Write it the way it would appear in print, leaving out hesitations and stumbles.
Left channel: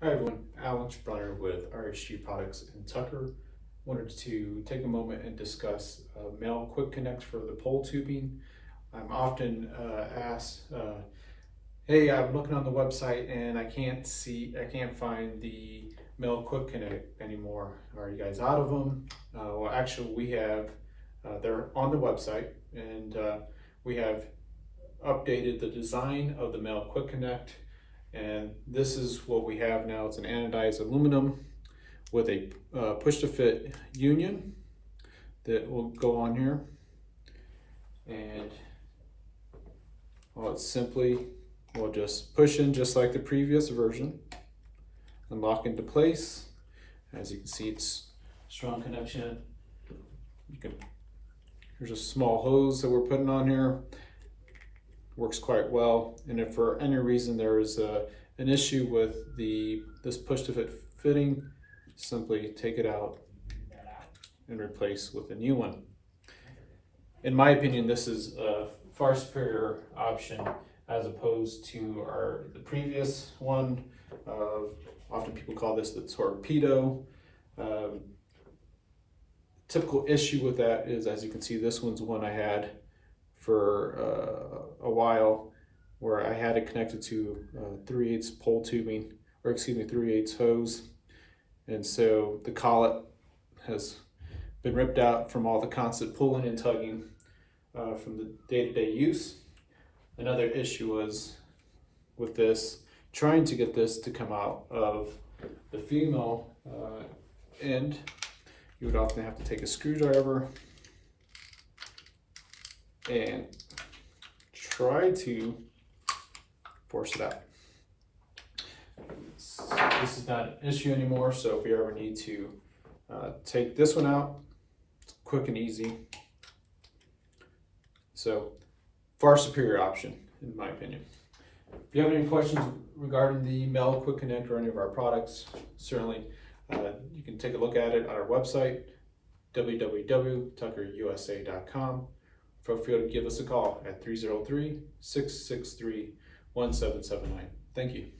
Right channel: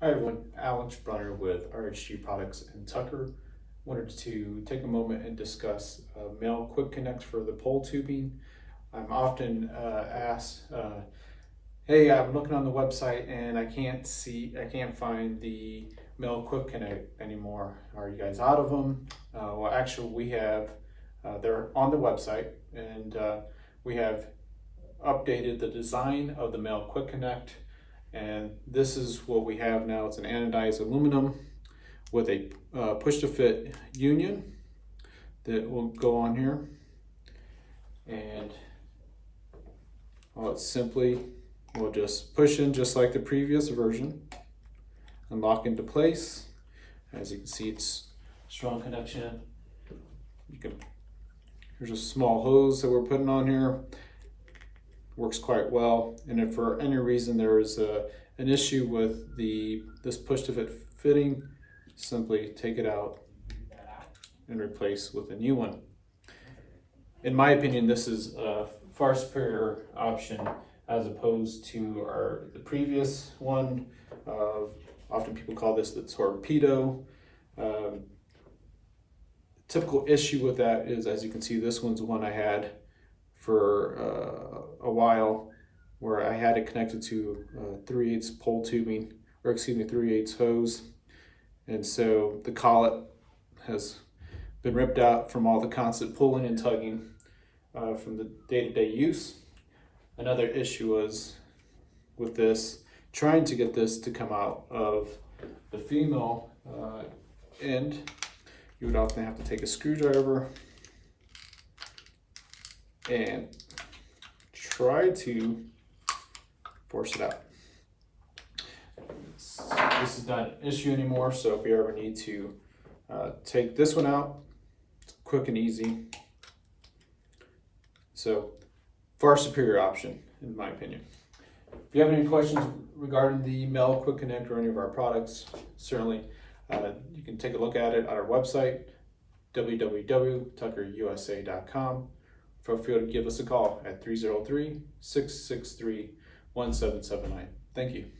Hi everyone, Alex Brunner with RHG Products in Tucker. Wanted to take a moment and discuss male quick connect for the pole tubing. I'm often asked, hey, I'm looking on the website and I can't find the male quick connect anymore. Are you guys out of them? Well, actually we have, they're on the website, and we have updated the design of the male quick connect. And this is what we have now. It's an anodized aluminum with a push to fit union that will go on here. And it's simply, we'll just push in just like the previous version and lock into place. As you can see, it's strong connection. Here's a small hose that we're putting on here. Works quite well, and if for any reason there is an issue with this push to fit fitting, simply take it out and replace with a new one. In my opinion, this is a far superior option as opposed to the previous one. Often people call this the torpedo. Typical issue with that is, as you can see, this one's one I had for a while, where I had it connected to 3/8 pole tubing, or excuse me, 3/8 hose. And so the collet has been ripped out from all the constant pulling and tugging from the day-to-day use. Another issue was with this, trying to get this to come out of the female end. You would often have to take a screwdriver and try to force it out. This is not an issue anymore, so if you ever need to take this one out, it's quick and easy. So, far superior option, in my opinion. If you have any questions regarding the male quick connect or any of our products, certainly you can take a look at it on our website, www.tuckerusa.com. Feel free to give us a call at 303-663-1779. Thank you.